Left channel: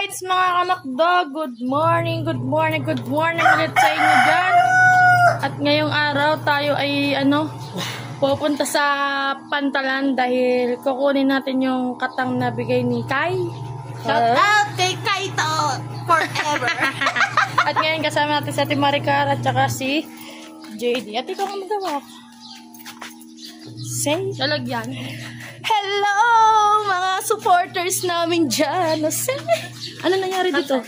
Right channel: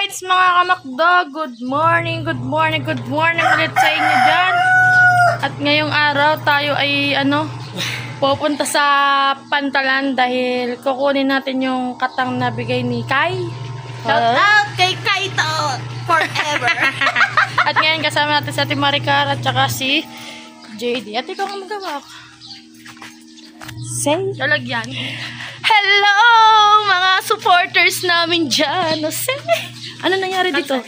rights mga kamakdo, good morning ulit sa inyo dyan. At ngayong araw tayo ay pupunta sa Pantalan dahil kukunin natin yung katang na bigay ni Kai. Shout out kay Kaito forever. At ngayon kasama natin si Ate Maricar at saka si JD. At ikaw ang magawak. Say, lalagyan. Hello mga supporters namin dyan. Ano nangyari dito?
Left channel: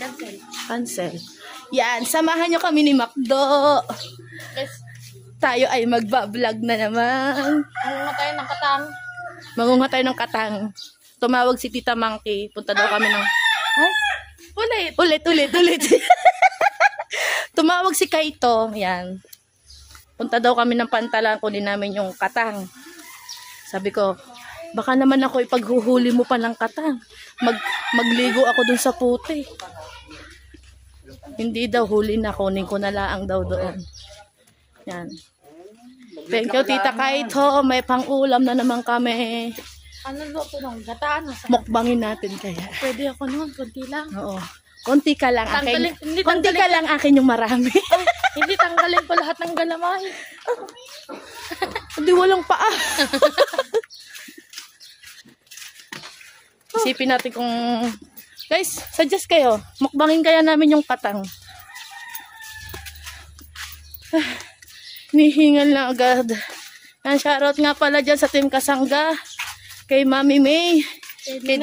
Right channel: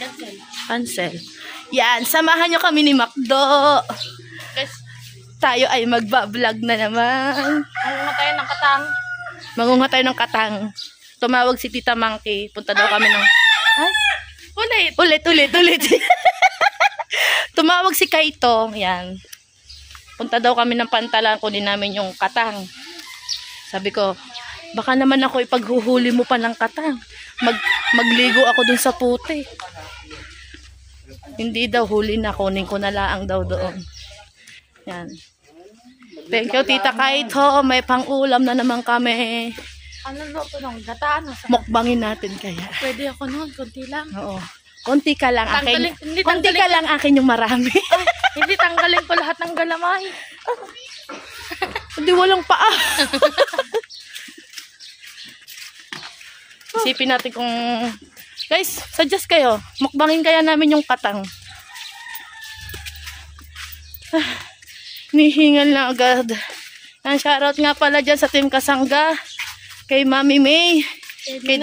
Cancel. Yan, samahan nyo kami ni Macdo. Tayo ay magbablog na naman. Mangunga tayo ng katang. Mangunga tayo ng katang. Tumawag si Tita Monkey. Punta daw kami ng... Ay, ulit. Tumawag si Kaito. Yan. Punta daw kami ng Pantalan. Kunin namin yung katang. Sabi ko, baka naman ako ipaghuhuli mo pa ng katang. Magligo ako dun sa puti. Hindi daw, huli na. Kunin ko na laang daw doon. Yan. Thank you, Tita Kaito. May pang-ulam na naman kami. Ano luto nung gata? Mukbangin natin kaya. Pwede ako noon, konti lang. Oo. Konti ka lang akin. Konti ka lang akin yung marami. Ay, hindi tanggalin ko lahat ng galamay. Hindi walang paa. Isipin natin kung... Guys, suggest kayo. Mukbangin kaya namin yung katang. Nihingal na agad. Shoutout nga pala dyan sa Team Kasangga. Kay Mami May. Kay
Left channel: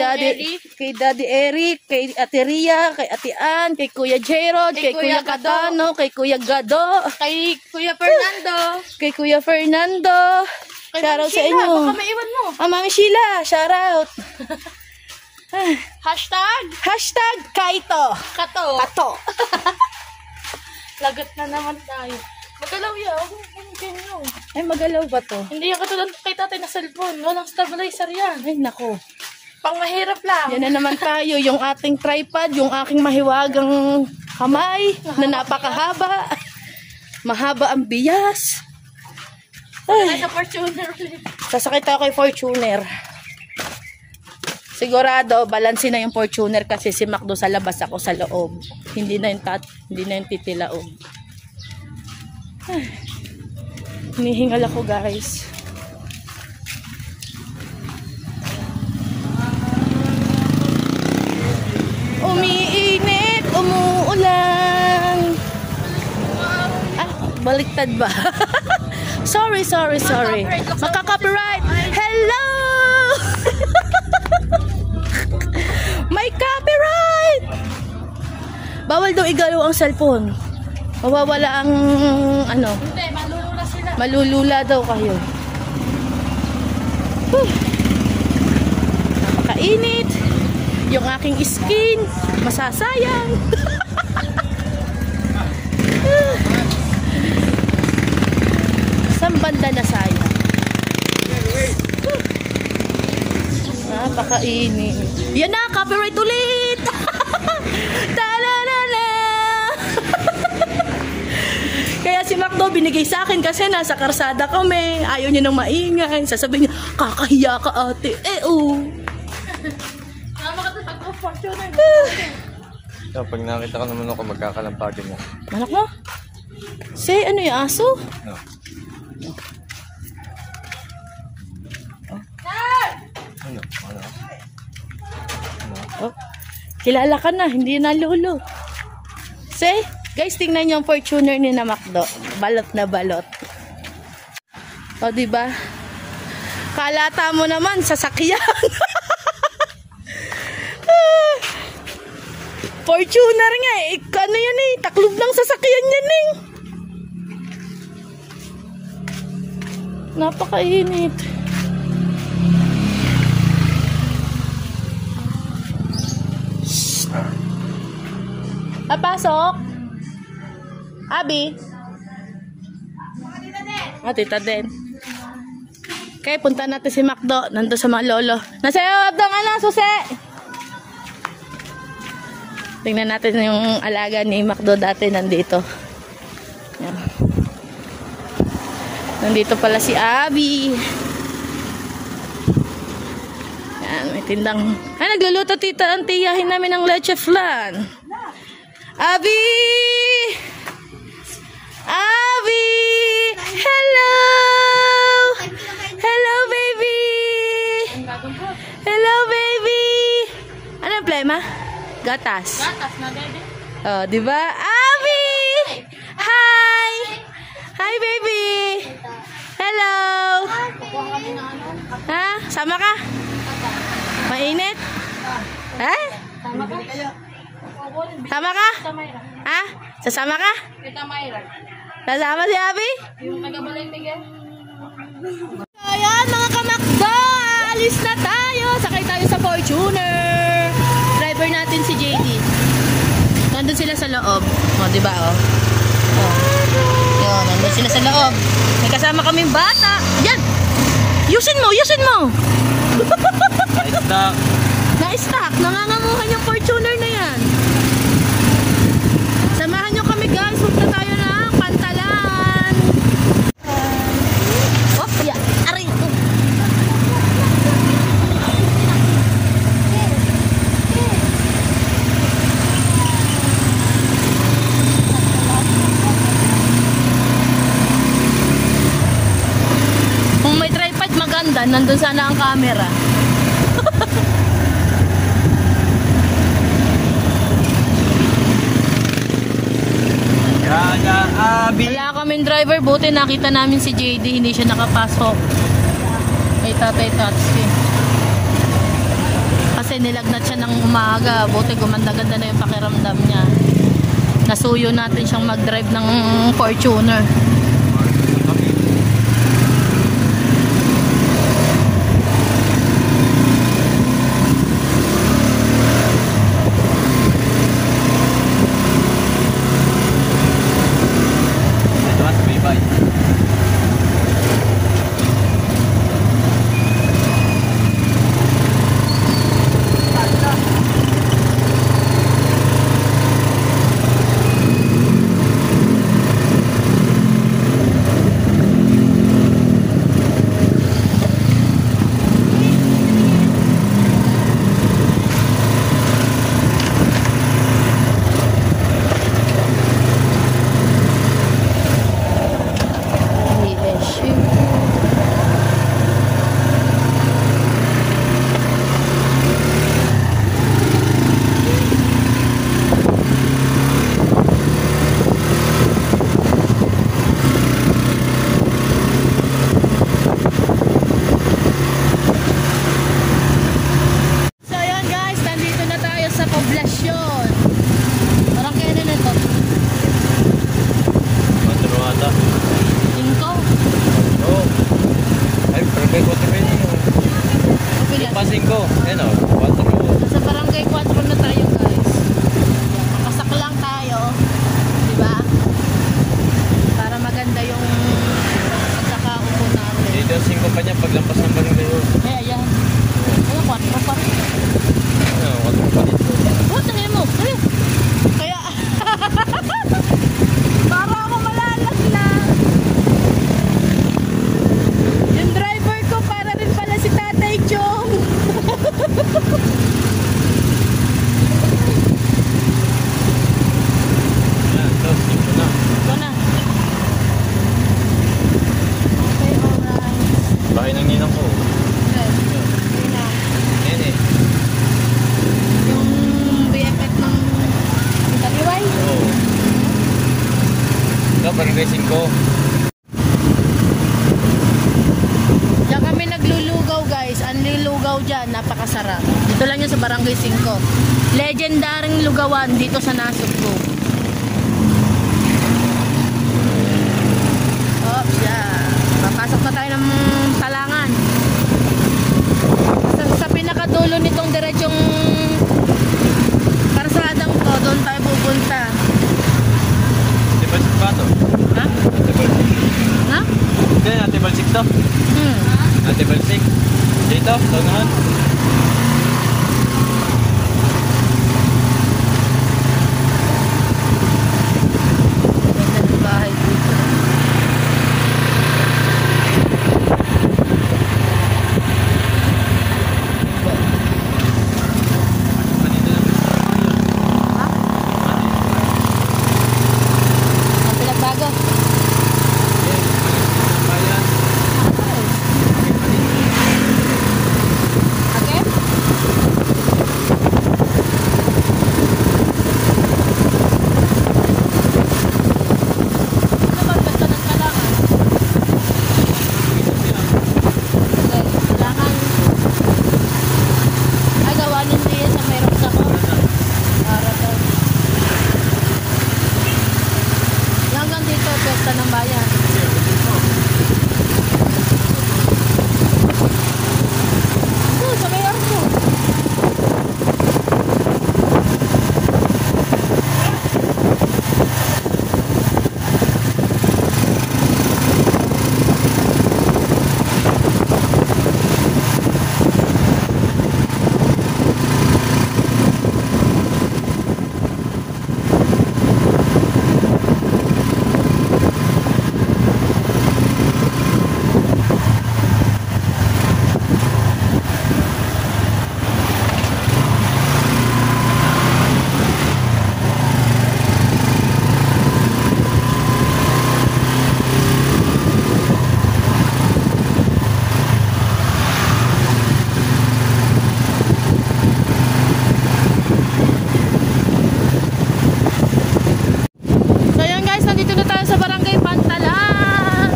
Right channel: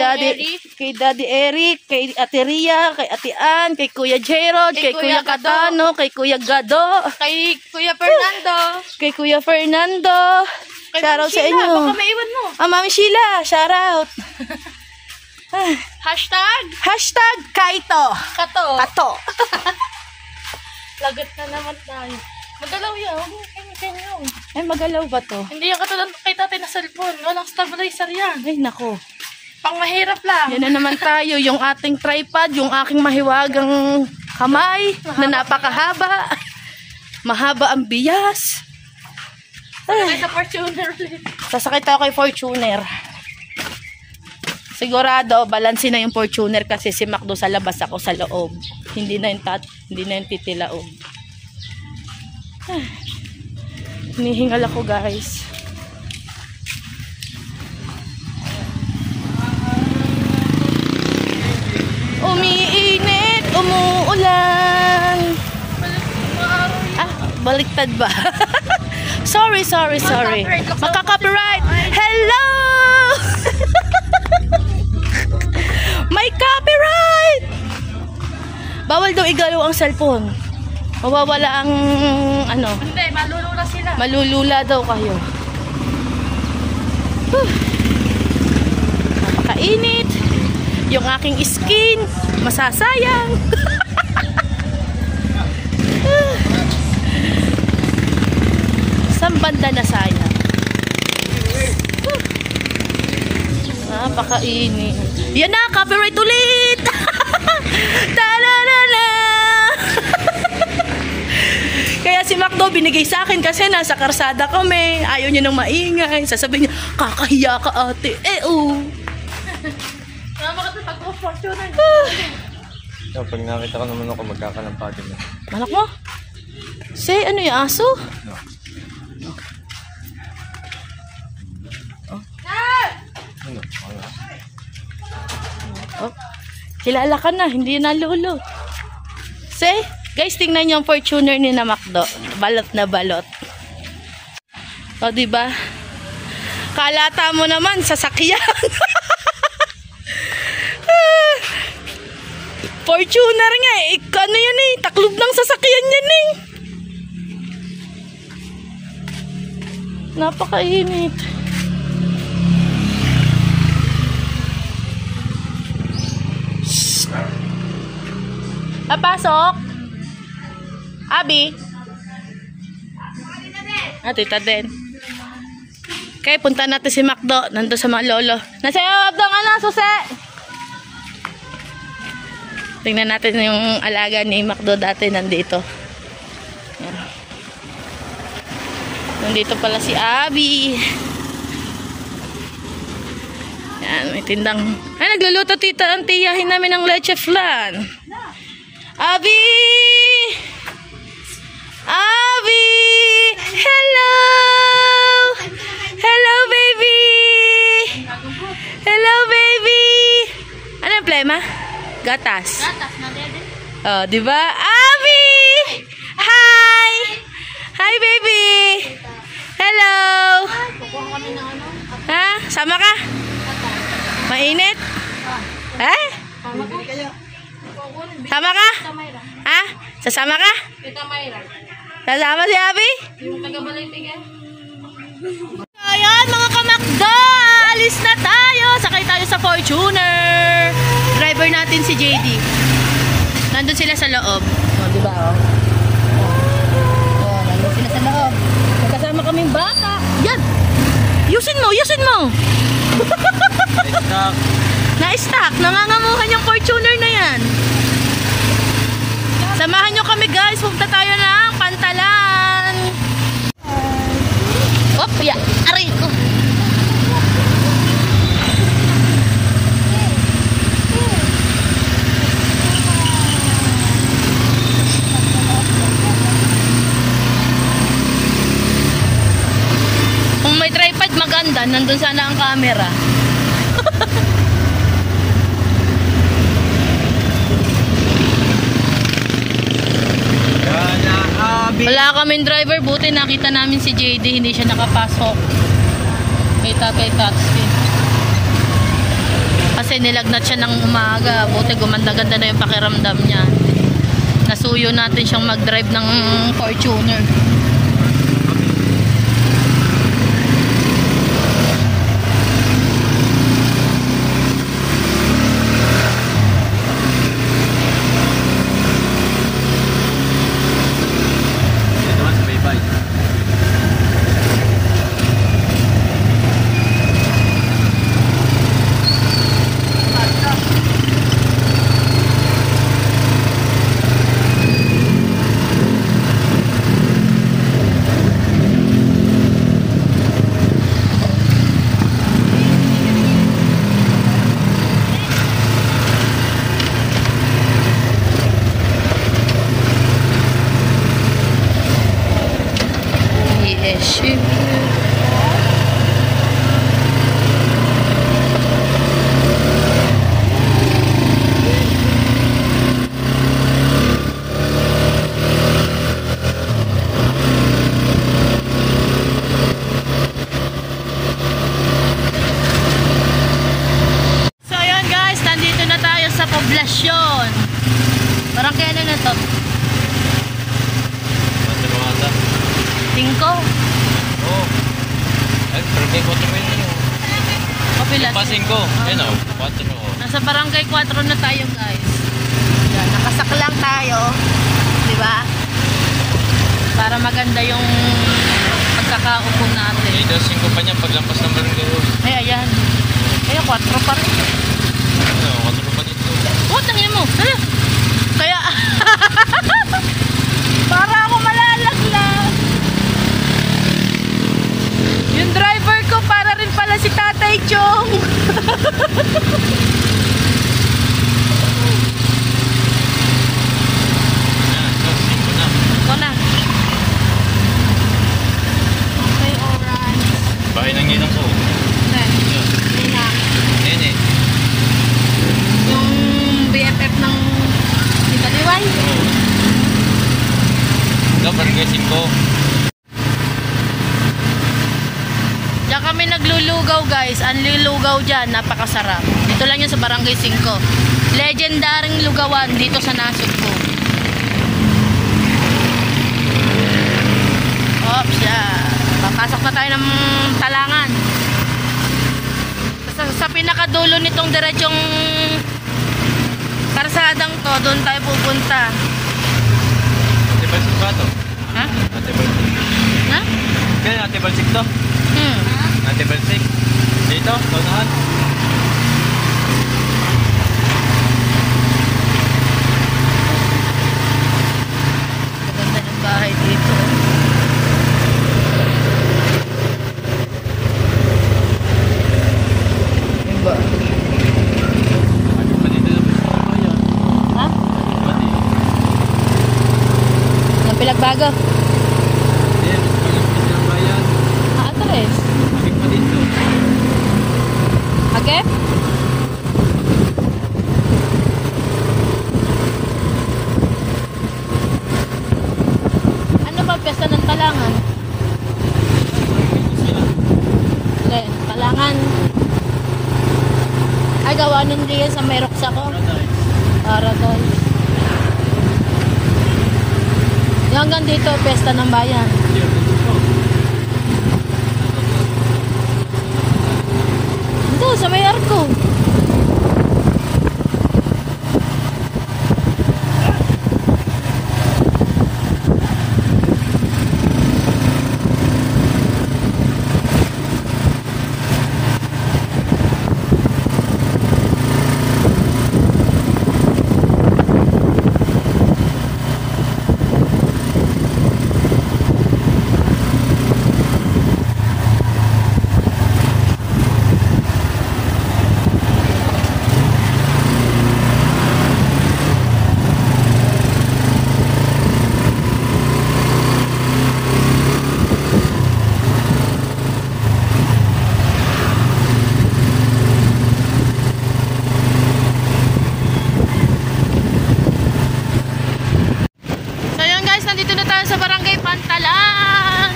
Daddy Eric. Kay Ate Ria. Kay Ate Ann. Kay Kuya Jerod. Kay Kuya Katano. Kay Kuya Gado. Kay Kuya Fernando. Kay Kuya Fernando. Shoutout sa inyo. Baka maiwan mo. Mami Sheila. Shoutout. Hashtag Kaito. Kato. Lagot na naman tayo. Magalaw yan. Ay, magalaw ba to? Hindi yan katulad kay tatay na cellphone. Walang stabilizer yan. Ay, nako. Pang mahirap lang. Yan na naman tayo. Yung ating tripod, yung aking mahiwagang kamay na napakahaba. Mahaba ang bias. Ay, sa Fortuner ulit. Sasakit ako kay Fortuner. Sigurado, balansin na yung Fortuner kasi si Macdo sa labas, ako sa loob. Hindi na yung titilaog. Hinihingal ako, guys. Umiinit, umuulan. Baliktad ba? Sorry. Makaka-copyright. Hello! May copyright! Bawal daw igalaw ang cellphone. Mawawala ang Hindi, malulula sila. Malulula daw kayo. Napakainit. Yung aking skin masasayang. Saan banda na sayang? Napakainit. Yan na, copyright ulit. Ta-da-da-da. Kaya si Macdo binigay sa akin kasi nasa karsada kami. Ayaw niya nang maingay. Sasabihin niya, kakahiya ka ate. Kaya bakit pag-Fortuner? Pag nakita ko naman ako, magkakalampado na. Malak mo? Say, ano yung aso? Oh, kilala ka na, hindi na lulo. Say, guys, tingnan niyo yung Fortuner ni na Macdo. Balot na balot. O, diba? Kalata mo naman, sasakyan. Fortuner nga eh. Ano yan eh? Taklob ng sasakyan yan eh. Napakainit. Papasok. Abi. Tita Den. Okay, punta natin si Macdo. Nandun sa mga lolo. Nasa loob ng susi. Tingnan natin yung alaga ni Macdo dati nandito. Nandito pala si Abi. Ayan, may tindang... Ay, nagluluto tita ang tiyahin namin ng leche flan. Abi! Abi! Hello! Hello, baby! Hello, baby! Ano yung problema? Gatas. Gatas na, baby. Oh, di ba? Abi! Hi! Hi, baby! Hello! Kukuha kami ng ano? Ha? Sama ka? Mainit? Ha? Sama ka? Sama ka? Tita Mayra. Ha? Sasama ka? Tita Mayra. Sasama si Abi? Yung taga-balay bigay. So, ayan, mga kamakdo! Alis na tayo! Sakay tayo sa Fortuner! Driver natin si JD. Nandun sila sa loob. O, di ba? Yun, nandun sila sa loob. May kasama kaming bata. Yan! Yusin mo! Yusin mo! Na-stock. Nangangamuhan yung Fortuner na yan. Samahan nyo kami guys. Punta tayo ng Pantalan. Oh, ya. Aray ko. Kung may tripod maganda, nandun sana ang camera. Wala kaming driver, buti nakita namin si JD, hindi siya nakapasok. Kay Tatay Tatsi. Kasi nilagnat siya ng umaga, buti gumanda-ganda na yung pakiramdam niya. Nasuyo natin siyang mag-drive ng Fortuner. Poblasyon. Parang kaya na to? 5? Oo. Ay, barangay 4 mil na yun. Kapilas. Pa 5. Ayun o, 4 mil. Nasa barangay 4 na tayo guys. Yan, nakasak lang tayo. Diba? Para maganda yung pagkakaupo natin. Dito 5 pa niya paglampas ng barangay. Ay, ayan. Ayun, 4 pa rin. Ano, 4 pa dito. Oh, tangin mo. Ano? Kaya, para ako malalaglag. Yung driver ko, para rin pala si Tatay Chong. Yan, so 5 na. Ito na. Okay, alright. Bahay ng ninang ko. Okay, Yan. ayun na. Yan eh. Yung BFF ng Italiway. Oo. Ito, barangay 5. Diyan kami naglulugaw guys. Ang lulugaw dyan, napakasarap. Dito lang yun sa barangay 5. Legendaring lugawan dito sa Nasugbu. Oops, yeah. Papasok na tayo ng talangan. Sa pinakadulo nitong diretsong karsadang to, doon tayo pupunta. Ate Balsik ba ito? Ha? Ate Balsik. Ha? Kaya Ate Balsik to? Hmm. Ate Balsik. Dito, taunahan. Ganda ng bahay dito. Diba? Plaza ng Bayan. Hindi, sa may arko. So yun guys, nandito na tayo sa Barangay Pantalan.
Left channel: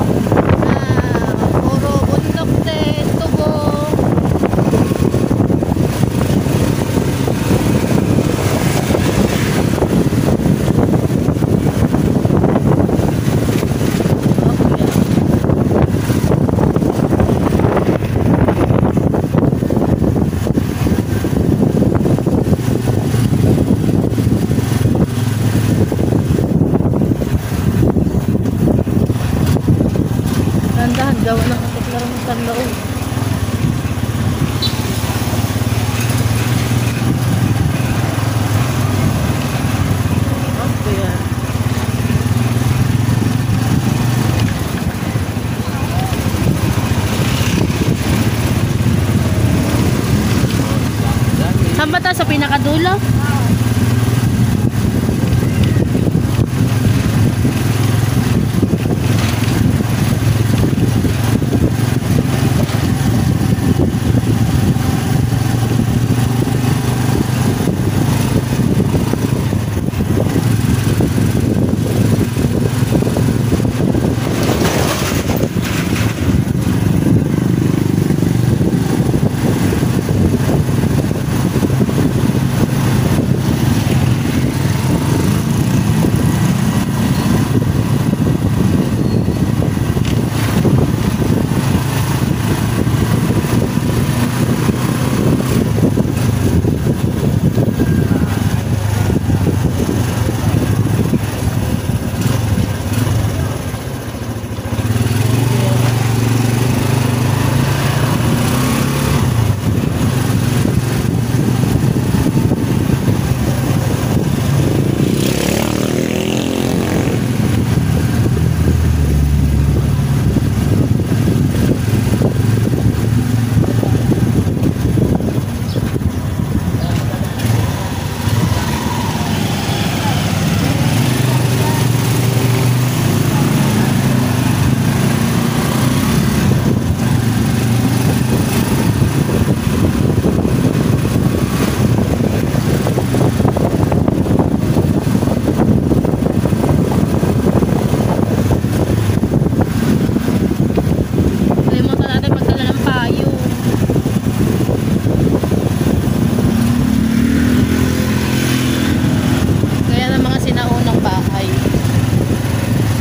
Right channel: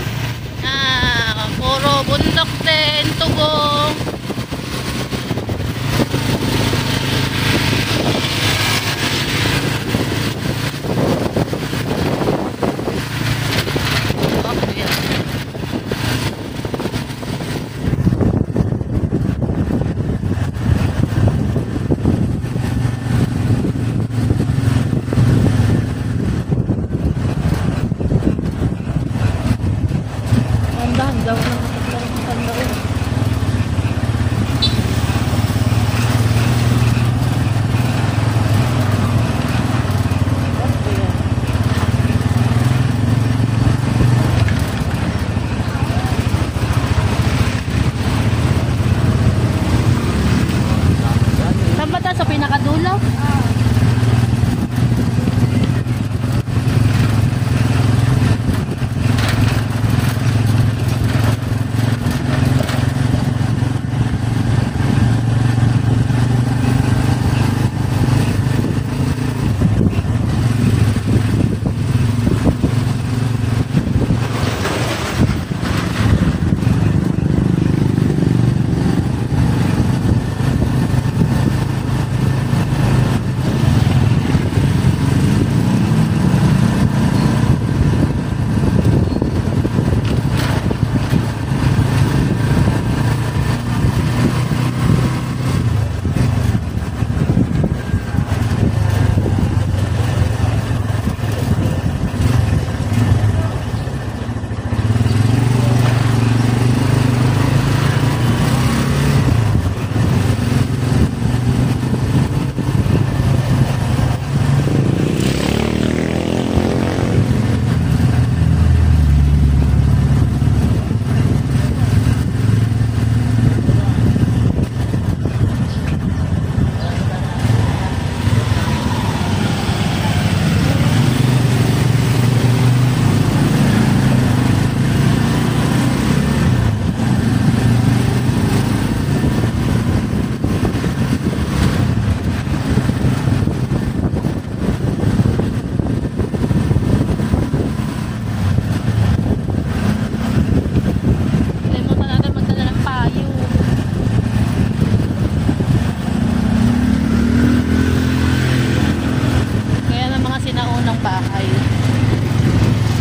Puro bundok din, tubo. Oh, yeah. Nandahan, gawa lang ako parang tandaon. Saan ba tayo? Sa pinakadulo?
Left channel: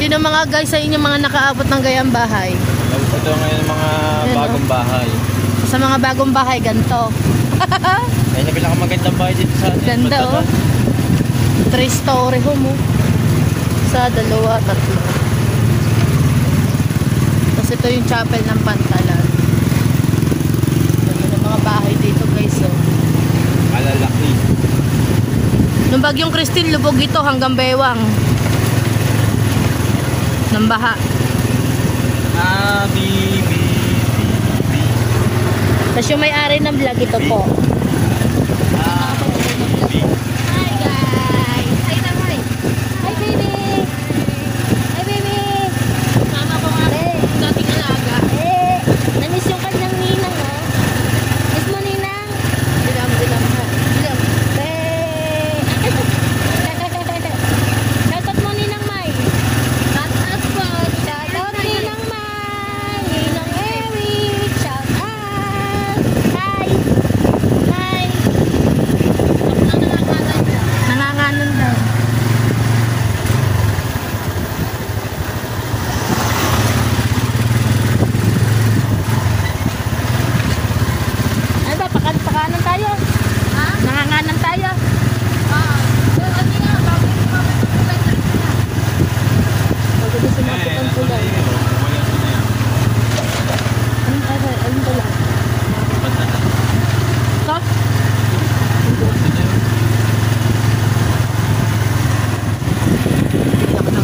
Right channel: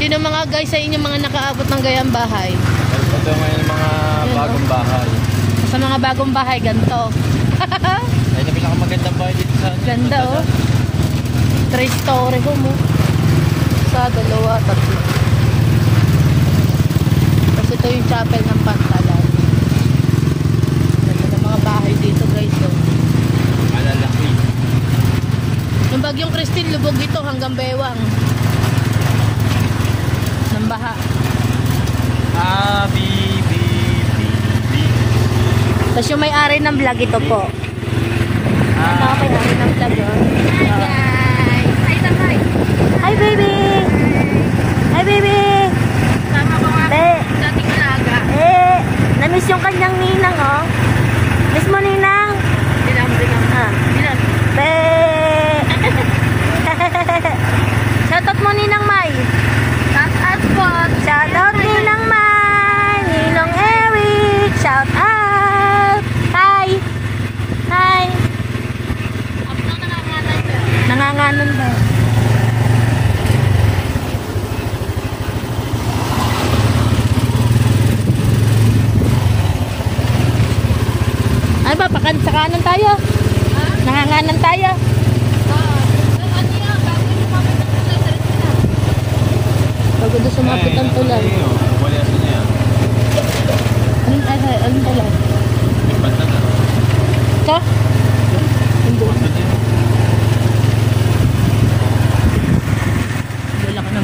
Sino mga guys sa inyo mga nakaabot ng gayang bahay? Ito ngayon mga bagong bahay. Sa mga bagong bahay, ganito. Ayun yung pinakamagandang bahay dito sa atin. Ganda oh. 3-story home oh. Sa 2, 3. Tapos ito yung chapel ng Pantalan. Ganda ng mga bahay dito guys oh. Malalaki. Nung bagyong Christine, lubog ito hanggang Bewang. Ng baha. Tapos yung may-ari ng vlog ito po. May-ari ng vlog. Hi baby! Hi baby! Sama ko nga. Dating alaga. Na-miss yung kanyang ninang oh. Miss mo ninang? Dinam ha. Dinam. Shoutout mo ninang May. Shoutout po. Shoutout ninang May. Ninong Eric. Shoutout. Hi. Hi. Nanganganan daw.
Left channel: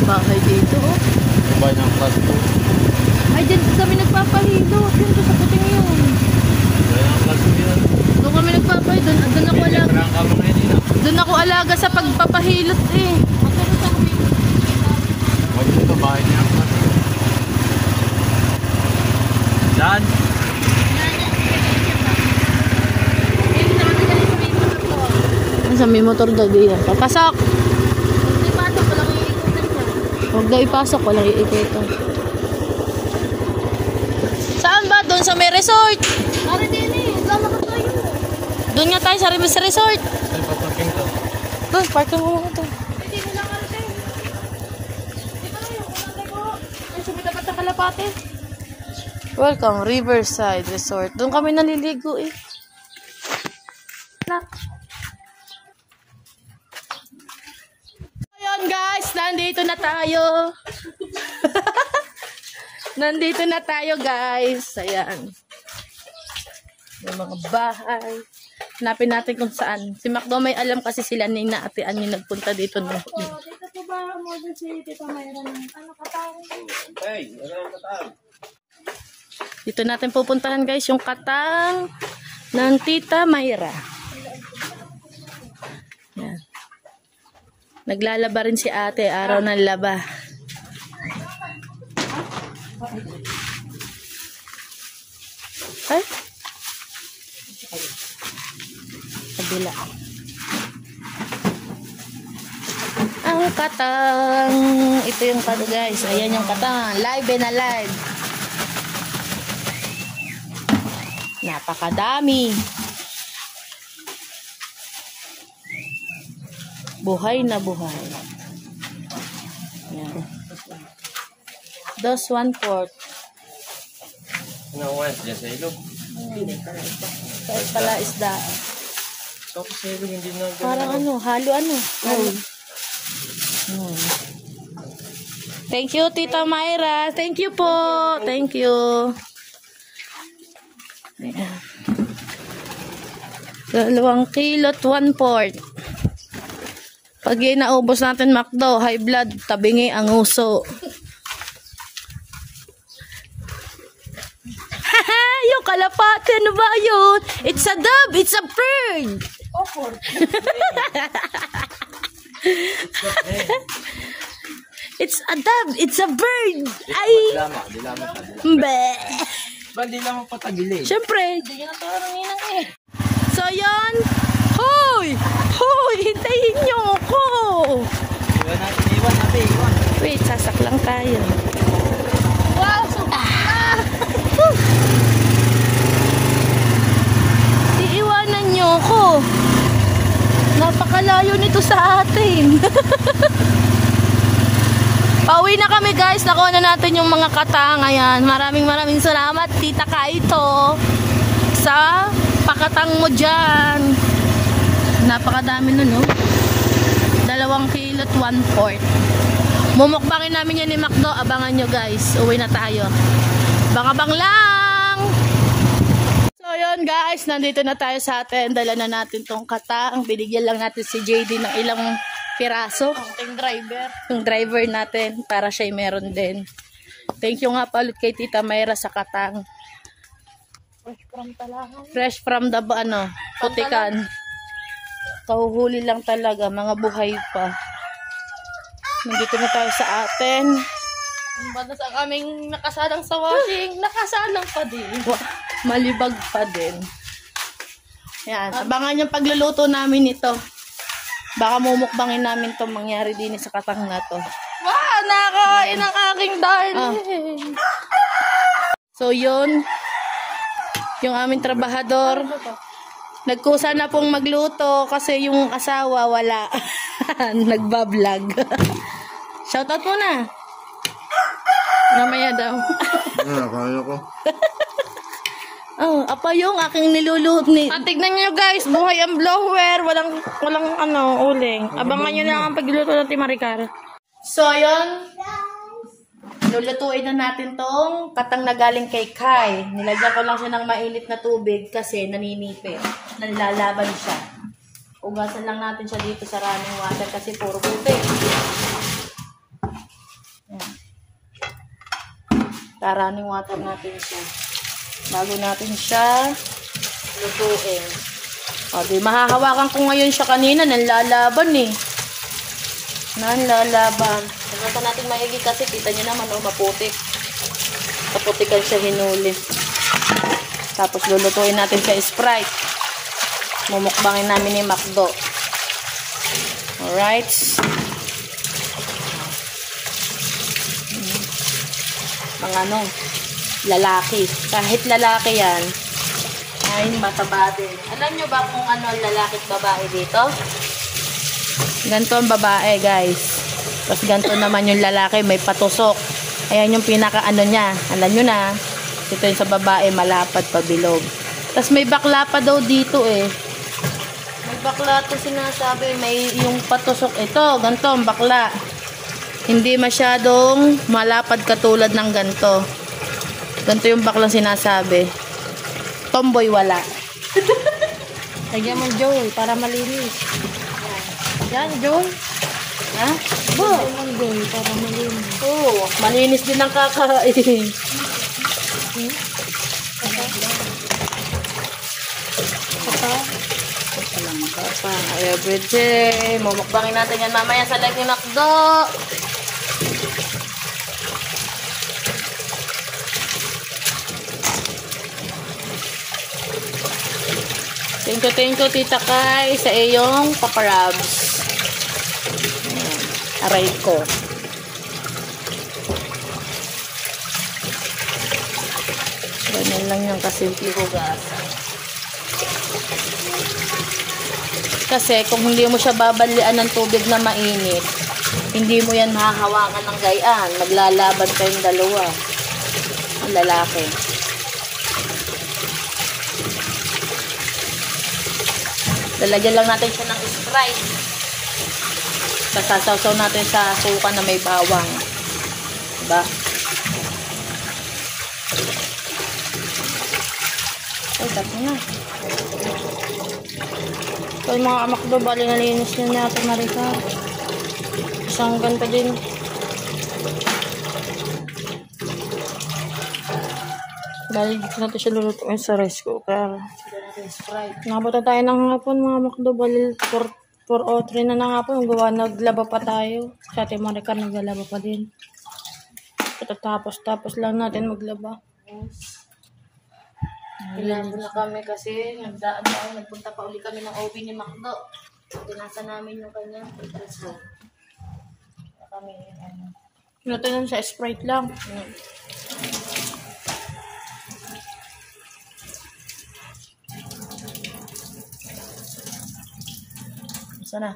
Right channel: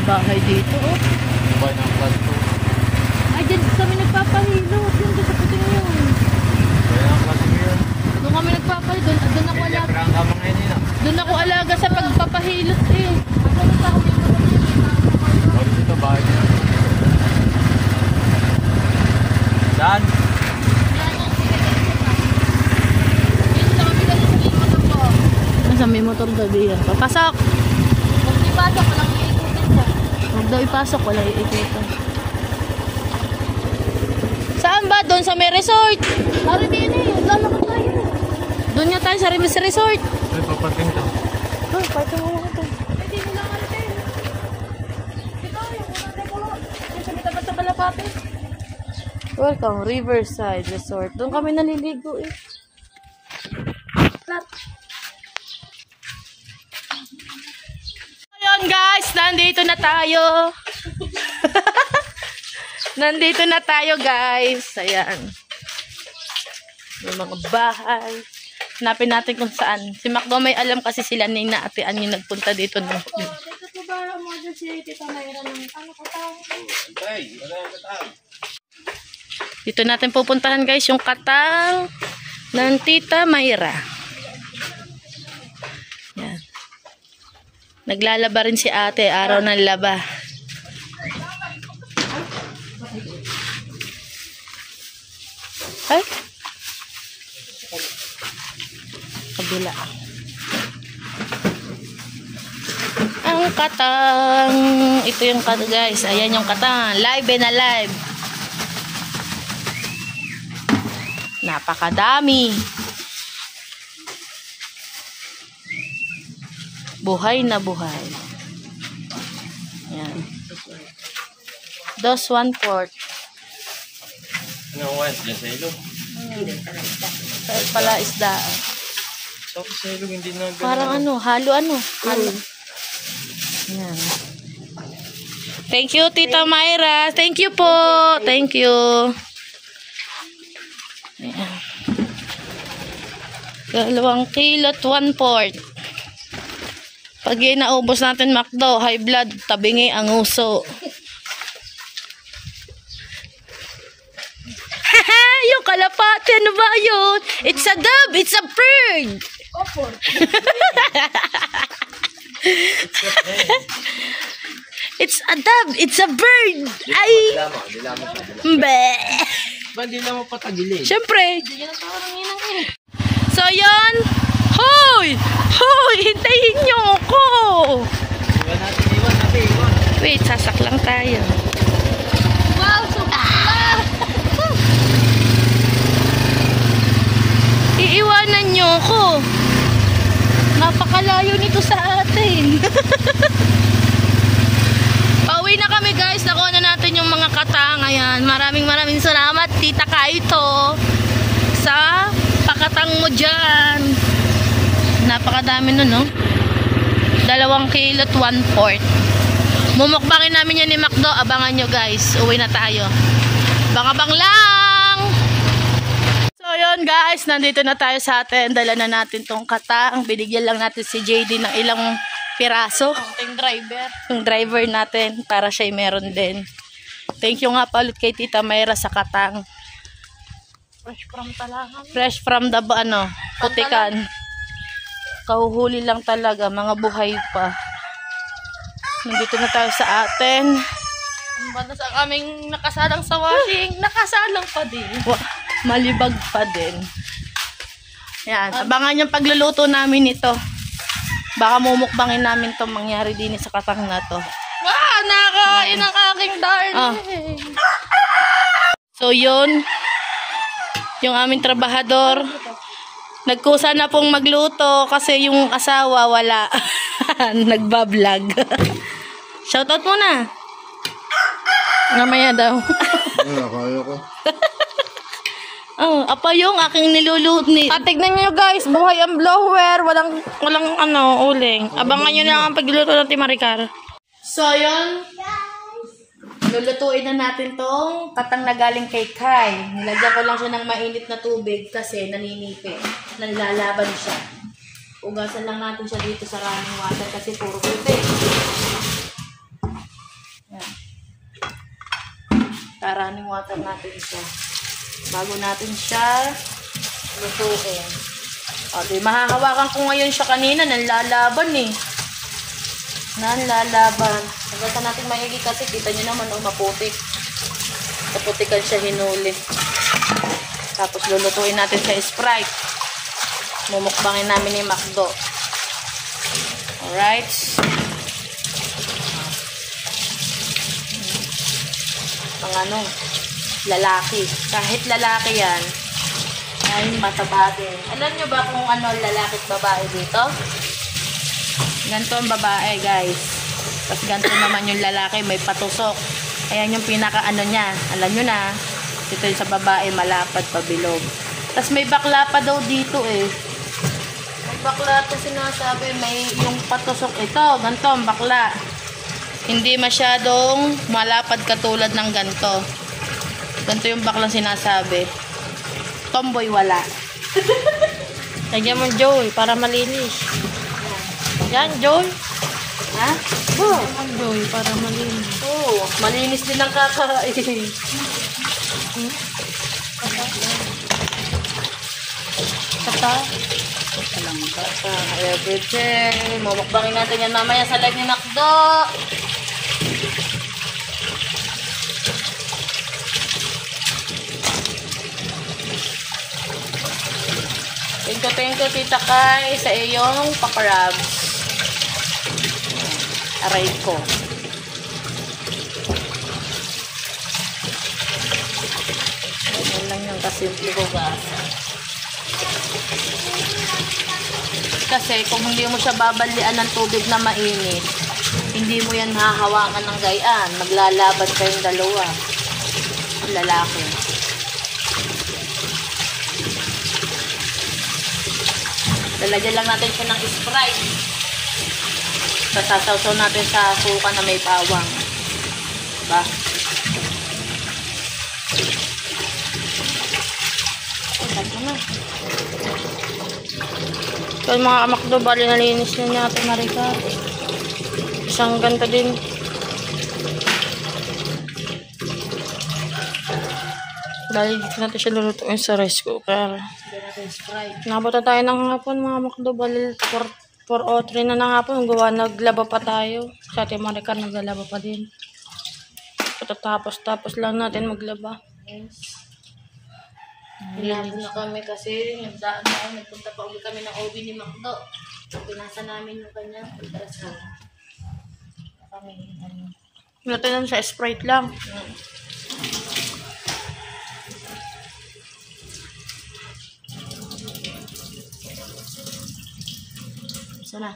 bahay dito, oh. Bahay ng plastic. Ay, dyan kami nagpapahilo. Dyan sa puting yun. Bahay ng plastic yun. Doon kami nagpapahilo. Doon ako alaga. Parang kamang ngayon yun ah. Doon ako alaga sa pagpapahilot eh. Bahay dito, bahay dito. Saan? Nasa may motor daw diyan. Papasok! Huwag ipasok, walang iikutin siya. Huwag daw ipasok. Wala iikutan. Saan ba? Doon sa may resort. Pare din eh, wala na tayo. Doon nga tayo sa resort. Saan paparking to? Doon, parking mo mga to. Pwede mo lang arte. Ito yung kumate ko. Ay, sige dapat sa kalapate. Welcome, Riverside Resort. Doon kami naliligo eh. Ayun guys, nandito na tayo. Nandito na tayo guys. Ayan. May mga bahay. Hanapin natin kung saan. Si Macdo may alam kasi sila ni Naatean yung nagpunta dito. Dito po ba mo dyan si Tita Mayra ng ano katawang? Hey, wala akong katawang. Dito natin pupuntahan guys yung katang ng Tita Mayra. Yan. Naglalaba rin si ate, araw ng laba. Ay? Kabila. Ang katang. Ito yung katang guys. Ayan yung katang. Live and alive. Napakadami. Buhay na buhay. Yan. 2/1/4. Ano ang west dyan sa ilog? Sa pala isda. Tapos sa ilog hindi na ganun. Parang ano, halo. Yan. Thank you, Tita Mayra. Thank you po. Thank you. Ayan. 2 kilo at 1/4. Pag yun naubos natin, Macdo, high blood, tabingi ang uso. Haha, yung kalapate, ano ba yun? It's a dove, it's a bird. It's a dove, it's a bird. Ay, Di lamang siya. mbe. Ba, di lamang patagilid. Siyempre. So, yun. Hoy! Hoy! Hintayin niyo ako! Iwan natin. Wait, sasak lang tayo. Wow, sumakla! Iiwanan niyo ako. Napakalayo nito sa atin. Pauwi na kami guys. Nakuha na natin yung mga katang. Ayan. Maraming salamat, Tita Kaito, sa pakatang mo dyan. Napakadami nun, no? 2 kilo at 1/4. Mumukbangin namin yan ni Macdo. Abangan nyo guys. Uwi na tayo. Bang-abang lang! So yun guys, nandito na tayo sa atin. Dala na natin tong katang. Binigyan lang natin si JD ng ilang piraso. Ang driver. Yung driver natin para siya meron din. Thank you nga pa ulit kay Tita Mayra sa katang. Fresh from Talangan. Fresh from the Putikan. Kauhuli lang talaga, mga buhay pa. Nandito na tayo sa atin. Ang banda sa aming nakasalang sa washing. Nakasalang pa din. Malibag pa din. Yan, abangan yung pagluluto namin ito. Baka mumukbangin namin to mangyari din sa katang na to. Wow, nakain ang aking darling. So yun, yung aming trabahador, nagkusa na pong magluto kasi yung asawa wala. Nagbablog. Shoutout muna. Namaya daw. Kaya ko. Apa yung aking niluluto ni. Tignan nyo guys, buhay ang blower. Walang uling. Abangan nyo lang ang pagluluto ng Timaricar. So yun, lulutuin na natin tong katang na galing kay Kai. Nilagyan ko lang siya ng mainit na tubig kasi naninipi. Nanlalaban siya. Ugasan lang natin siya dito sa running water kasi puro puti. running water natin siya. Bago natin siya lutuin. O, di mahahawakan ko ngayon siya kanina. Nanlalaban eh. Nanlalaban. Nagkata natin mahigit kasi kita nyo naman maputik. Kaputikan siya hinuli. Tapos lulutuin natin sa Sprite. Mumukbangin namin ni Macdo. Alright. Mga lalaki. Kahit lalaki yan, ay mataba din. Alam nyo ba kung ano lalaki at babae dito? Ganito ang babae, guys. Tapos ganito naman yung lalaki, may patusok. Ayan yung pinaka niya. Alam nyo na, ito yung sa babae, malapad pabilog. Tapos may bakla pa daw dito eh. May bakla ito sinasabi, may yung patusok. Ito, ganito ang bakla. Hindi masyadong malapad katulad ng ganito. Ganito yung baklang sinasabi. Tomboy wala. Lagyan mo Joy para malinis. Yan, Joy. Ha? Lagyan mo Joy para malinis. Oo, malinis din ang kakain. Kata. Walang kata. Everyday. Mamukbangin natin yan mamaya sa live ni Macdo. Thank you, Tita Kai, sa iyong paparabs. Aray ko. Ganyan lang yung kasimple ko, guys. Kasi kung hindi mo siya babalian ng tubig na mainit, hindi mo yan mahahawakan ng gayaan. Maglalaban kayong dalawa. Lalaki. Lalagyan lang natin siya ng Sprite. Sasawsaw natin sa suka na may bawang. Diba? Ay, bago na. So yung mga Macdo, bali nalinis na natin Marika. Isang ganito din. Dahil natin siya lulutuin sa rice cooker. Nabuta tayo ng hapon mga Macdo, bali 4:03 na ng hapon. Naglaba pa tayo. Sa ating Marika naglaba pa din. Tapos lang natin maglaba. Pinabo na kami kasi nagpunta pa ulit kami ng OB ni Macdo. Pinasa namin yung kanyang pagkasa. Kami Natin sa Sprite lang. Sana.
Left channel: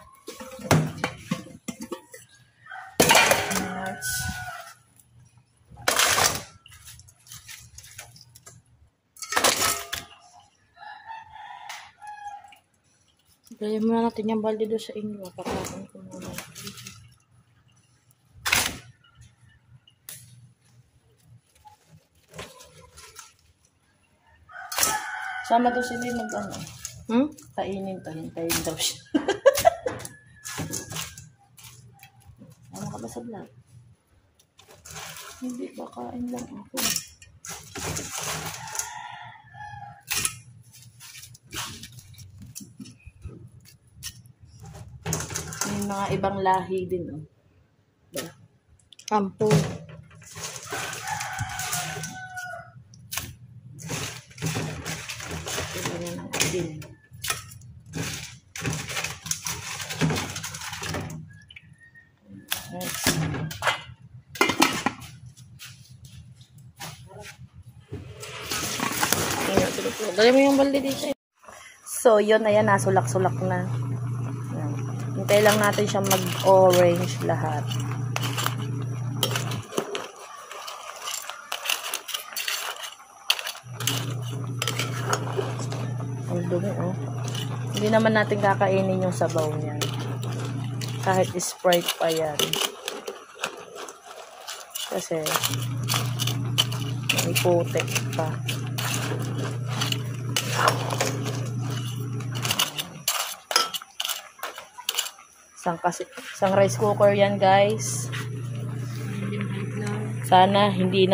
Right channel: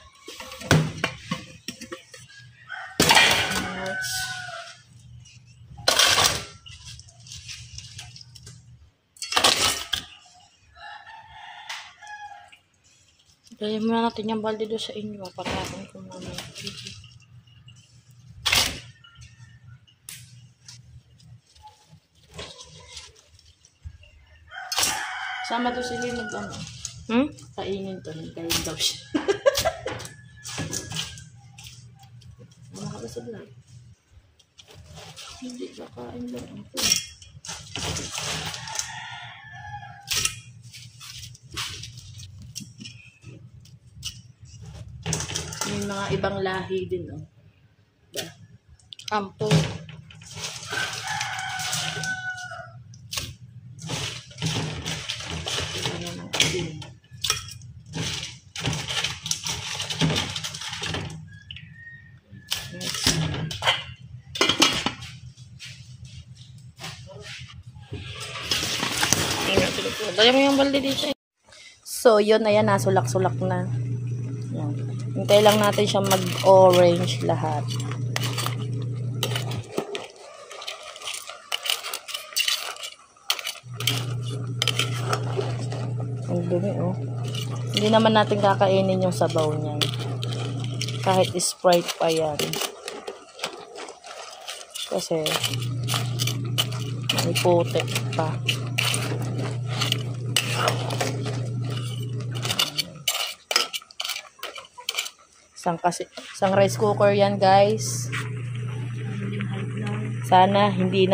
Gaya muna natin yung balde doon sa inyo. Patapon ko naman. Sama to si Lee mag-ano. Kainin to. Hintayin daw siya. Ano ka ba sa vlog? Hindi ba kain lang ako. May mga ibang lahi din, oh. Kampo. Dali mo yung balde dito. So, yun na yan. Nasulak-sulak na. Yan. Hintay lang natin siya mag-orange lahat. Ang dumi, oh. Hindi naman natin kakainin yung sabaw niyan. Kahit Sprite pa yan. Kasi may putik pa. Isang rice cooker yan, guys. Sana hindi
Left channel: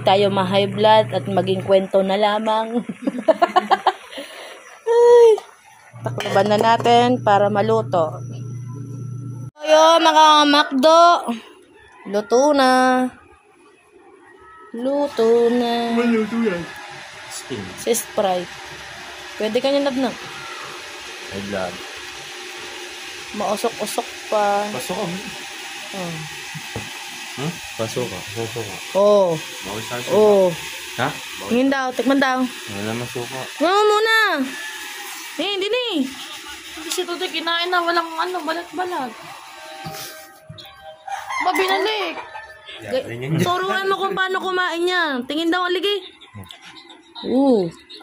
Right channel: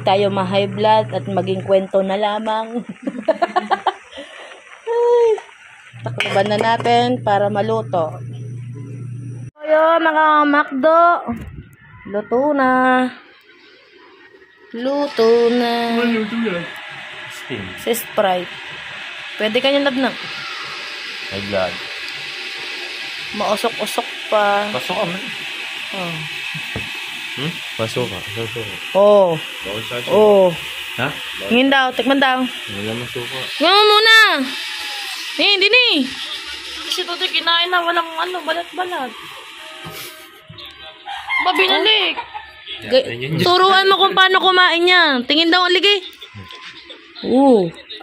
tayo ma-high blood at maging kwento na lamang. Ay, takloban na natin para maluto. Ayo mga makdo. Luto na. Luto na. Steam. Si Sprite. Pwede kanya nabnang. High blood. Mausok-usok pa. Pasok ka, man. Oh. Pasok ka. Pasok ka. Oh. Bakit sa akin? Oh. Ha? Tingin daw, tikman daw. Wala masuka. Ngayon mo muna. Hindi ni. Kasi ito kinain na walang balat-balat. Mabinalik. Turuan mo kung paano kumain niya. Tingin daw ang aligi.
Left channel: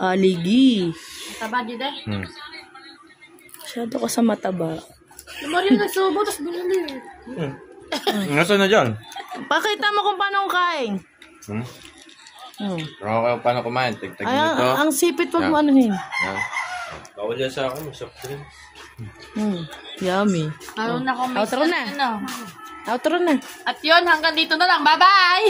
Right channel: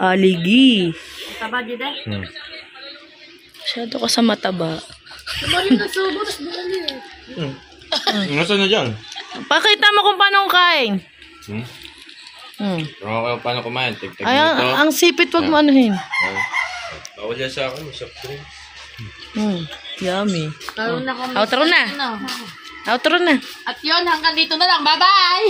Aligi. Taba di deh. Masyado ka sa mataba. Naman yung nasubo, tapos binalik. Nasaan na dyan? Pakita mo kung paano kain. Pero kayo paano kumain? Tig-tag Ay, nito. ang sipit wag mo anuhin. Yan. Bawal yan sa akin. Soft drinks. Yummy. Lalo na kami. Outro na. Ano. Outro na. At yun, hanggang dito na lang. Bye-bye!